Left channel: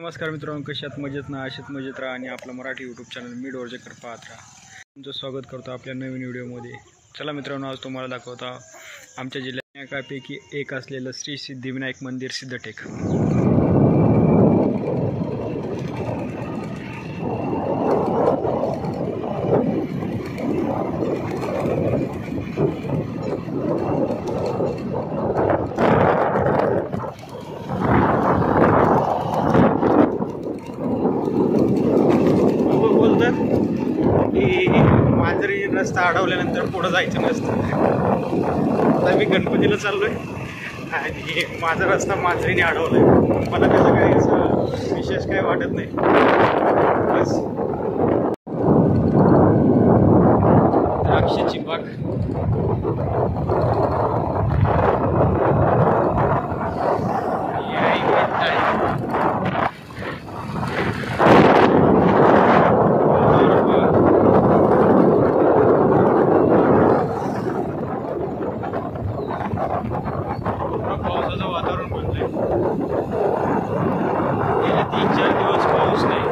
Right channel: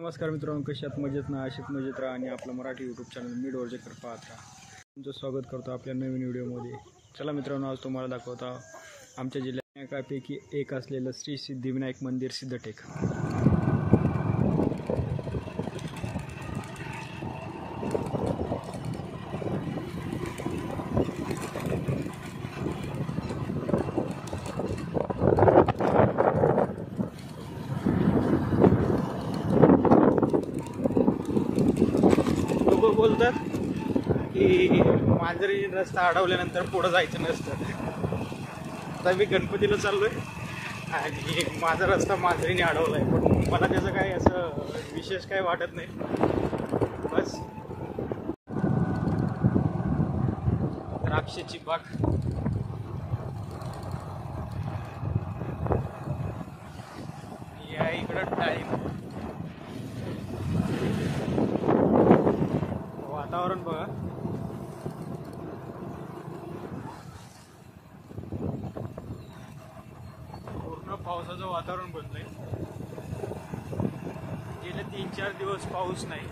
नमस्कार मित्रांनो, कशी आहात? मजेत ना? अशीच मजेत राहा आणि आपलं मराठी यूट्यूब चॅनल मी डोरजेकर पाहत राहा. तुमचं स्वागत करतो आपल्या नवीन व्हिडिओमध्ये. चला मित्रांनो, आज तुम्हाला दाखवता आमच्या जिल्ह्यात एकापैकी एक असलेलं श्री सिद्धिविनायक मंदिर सिद्धटेक. बोलतात की मांजरी रस्ता अडवल्यानंतर पुढं जायचं नसतं. आता मी गणपतीला चाललोय आणि माझा रस्ता मांजरीने अडवलाय. मला त्याचं काही असं विशेष काय वाटत नाही. बस द्राक्षाची बाग, या इकडं आहे. पावसाचं वातावरण बनलंय. गेले 3-4 दिवस पाऊस नाही.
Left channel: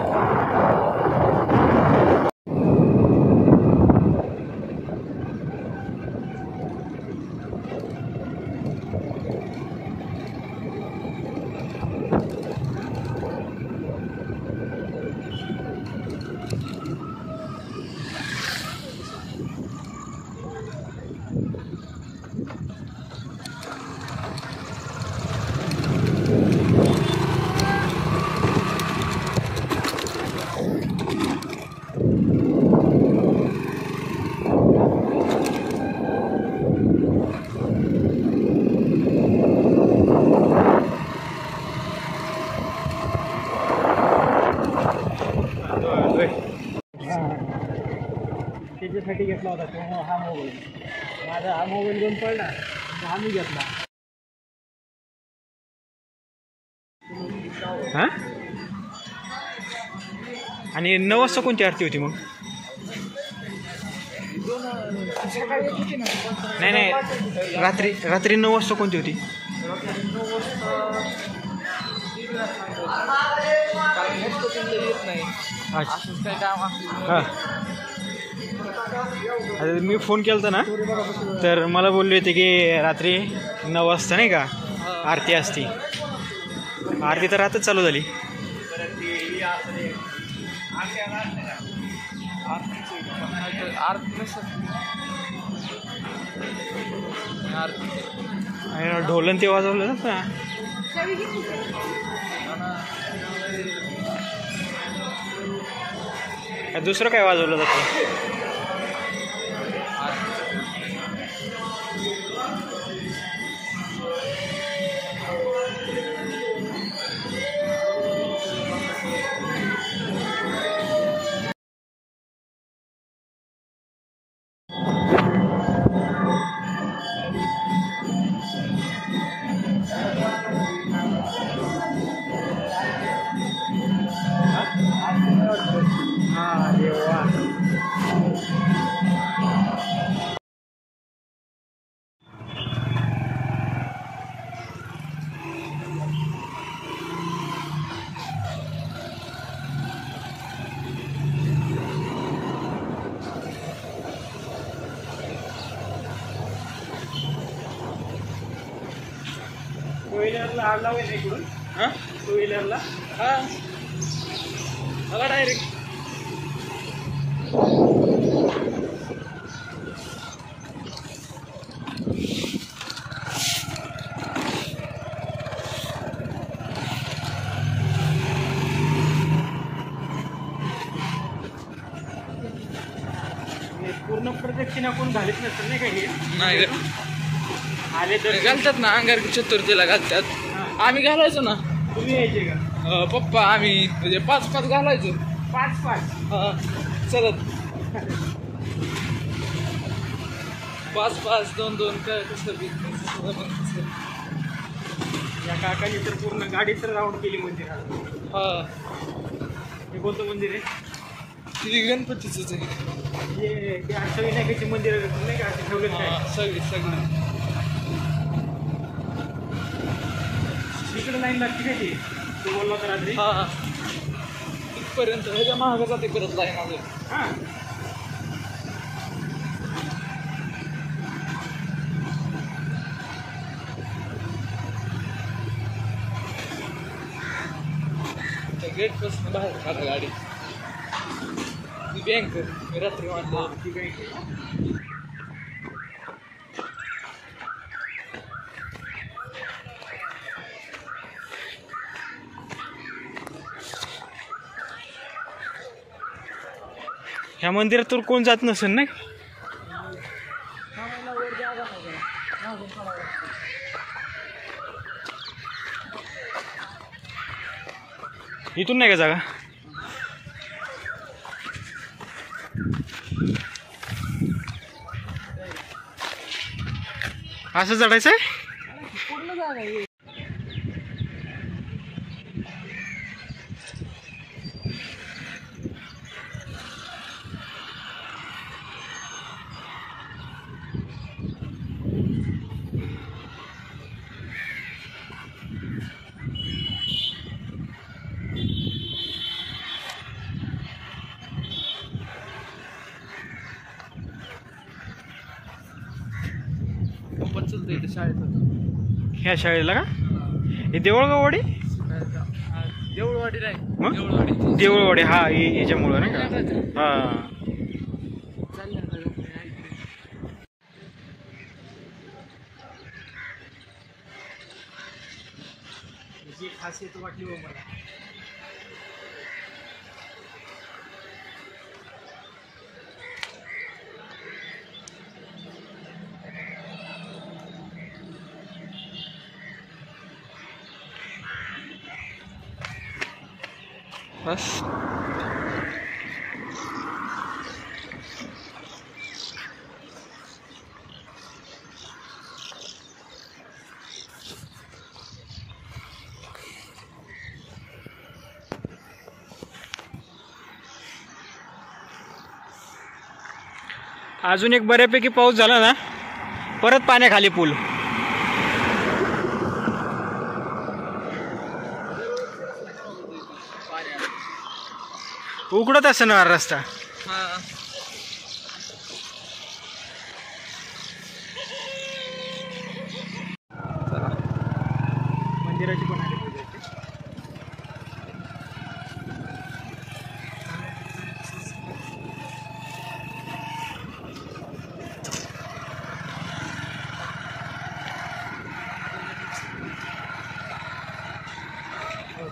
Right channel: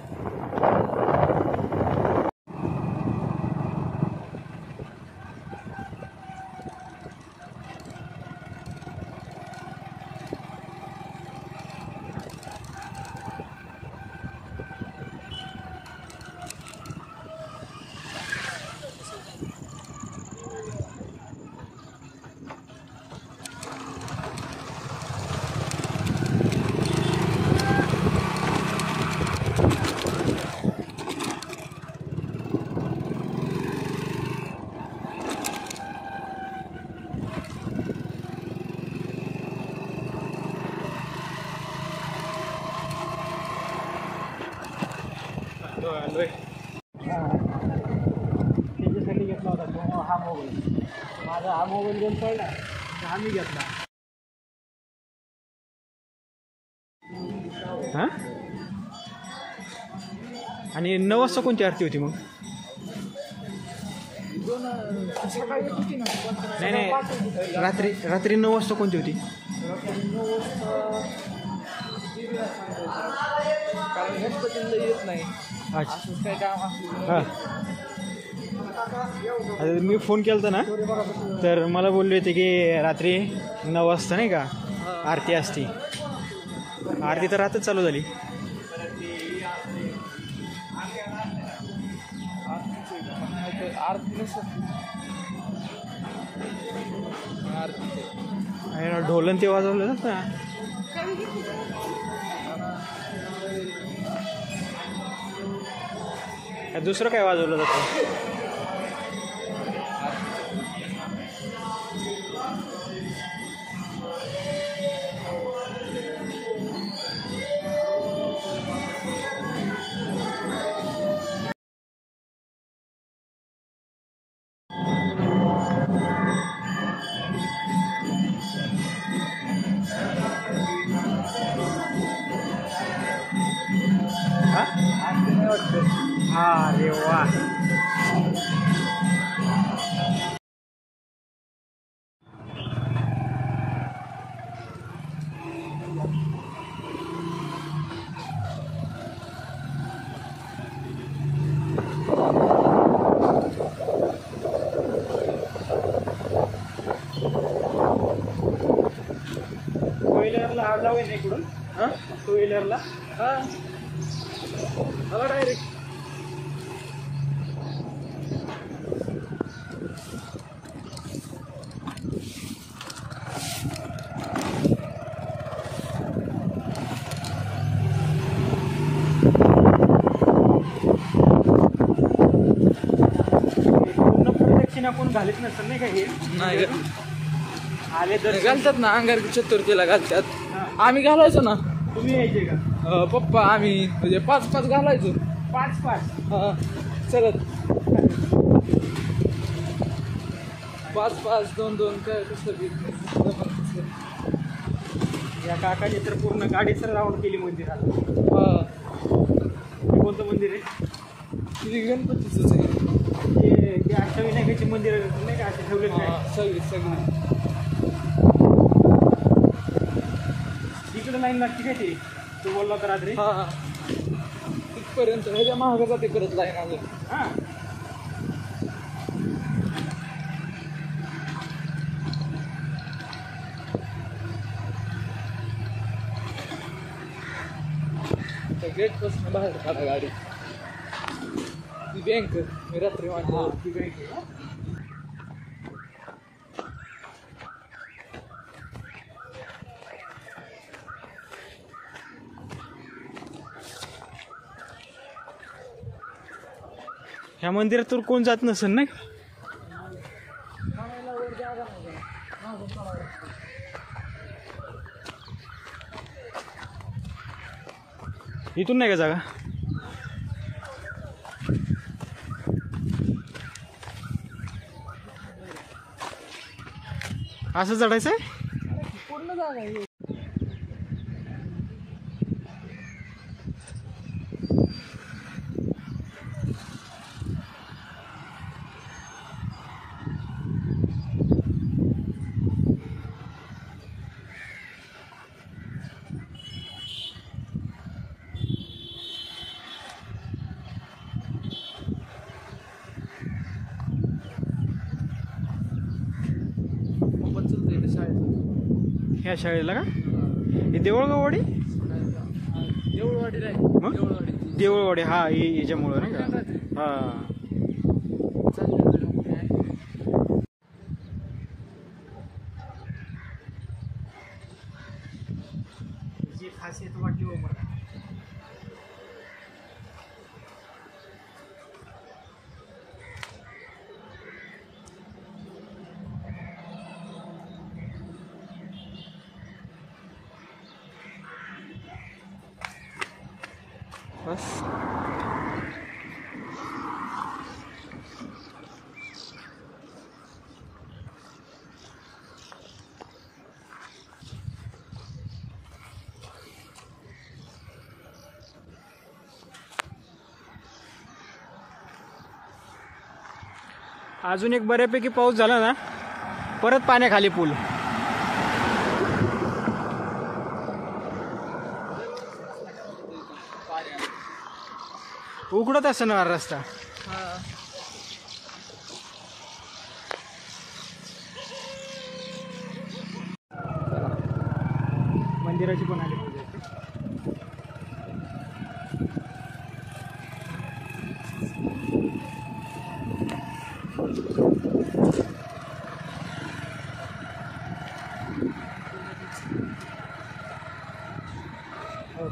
त्याच्यासाठी घेतला होता तो हा मोबाईल. माझा हा मोबाईल घेऊन पडला तर आम्ही घेतला. हा, आणि 9 वाजता कोणती आरती होती मग? नाही, रात्री 9 वाजता कोणती होती? हां, आता मी फोन केला होता ना, तर मला बोलले होते की रात्री 9 वाजता नाही का आरती असती. आरती तर रातच चालू झाली. ढोलन ते वाजवलं ना. दुसरं काय वाजवलं जातं? टू व्हीलरला आग लावायचं इकडून. हां, टू व्हीलरला मला डायरेक्ट पूर्ण प्रदक्षिणा कोण घालत नसेल नाही का? हे नाही आले तर घालतात ना, अंगार चतुर्थीला घालतात. आम्ही घालायचो ना. तुम्ही यायचे का? पप्पा आम्ही म्हणजे 5-5 घालायचो. 5-5 चलत 5-5 2-2 काय कसं या काकाने तर पूर्ण गाडीच राऊंड केली मंदिरात. हे कोणतं मंदिर आहे? तिथे गणपतीचंच आहे. ते अष्टविनायकाचे मंदिर नाही का? असे ठेवले काय सगळी तिकडे लाईन लागते का? ती तू बोलला तर रात्री हा तिथपर्यंत ह्याच्या महाग जाते करत लाईन अजून. हां त्या गेटपासून बाहेर काढा गाडी. ती बँक मी रात्री वाटलं ती बँक आहे. ह्या मंदिरातून कोण जात नसेल नाही. वर जागा नाही मागून काढावं लागतं. इथून नाही का जागा. असं चढायचं आहे. पूर्ण जागा आहे. चलतं इथे शाळेत ह्या शाळेला का हे देऊळगाववाडी. देऊळवाडी नाही मग? देऊळवाडी देऊळवाडी हा याच्यामुळं नाही का. हा जी खासियत वाटली हो मला. बस अजून एक बऱ्यापैकी पाऊस झाला ना परत पाण्याखाली पूल. उघडत असणार रस्ता. हा मंदिराची पण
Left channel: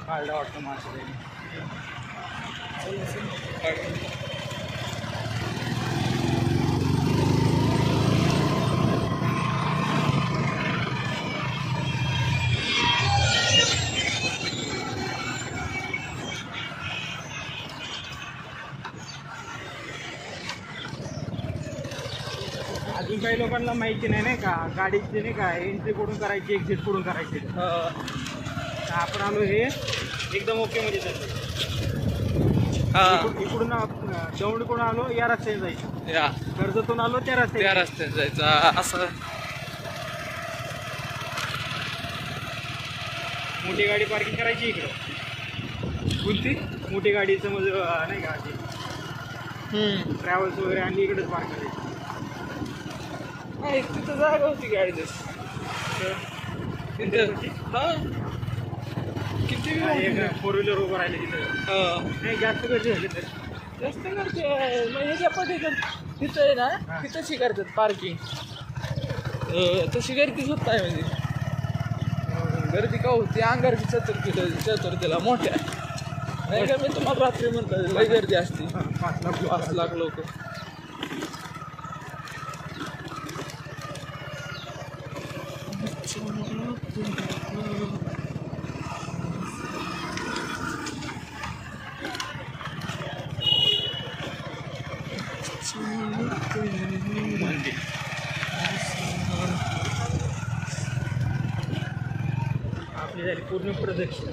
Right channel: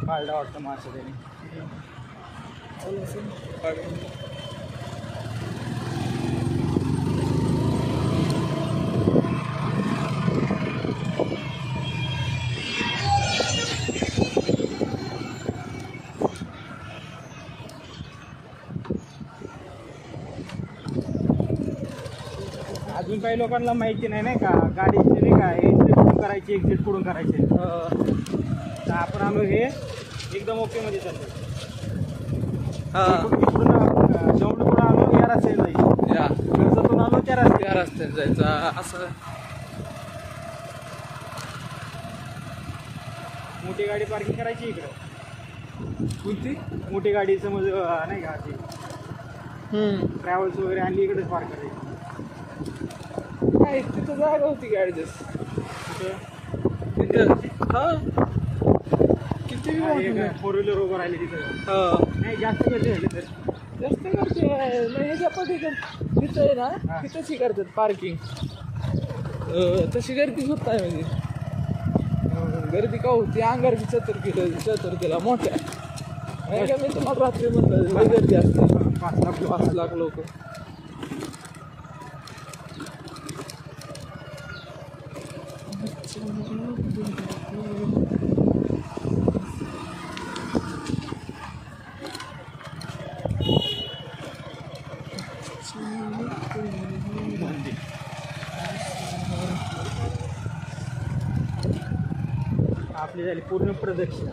काढला वाटतं माणसं. अजून काही लोकांना माहिती नाही का गाडीची नाही का एंट्री कुठून करायची एक्झिट कुठून करायची. तर आपण आलो हे एकदम ओके मध्ये चालतो. जेवढं आलो या रस्त्याने जायचं. या कर्जतून आलो त्या रस्त्यात जायचं असं. मोठी गाडी पार्किंग करायची इकडं. कोणती मोठी गाडी समज नाही का ट्रॅव्हल्स वगैरे आणली इकडेच पार्क करायची. नाही तिथं जागा होती गाडी तिथं. हा किती फोर व्हीलर उभं राहिले तिथं. नाही जास्त गर्दी झाली तर जास्त करते मग ह्याच्या पद्धतीत तिथं आहे ना तिथंशी करतात पार्किंग. तशी गर्दीच होत नाही म्हणजे गर्दी का होती अंगारची चतुर्थीला मोठ्या नाही का. मी तुम्हाला रात्री म्हणलं लई गर्दी असते 5 लाख लोक. आपली झाली पूर्ण प्रदक्षिणा.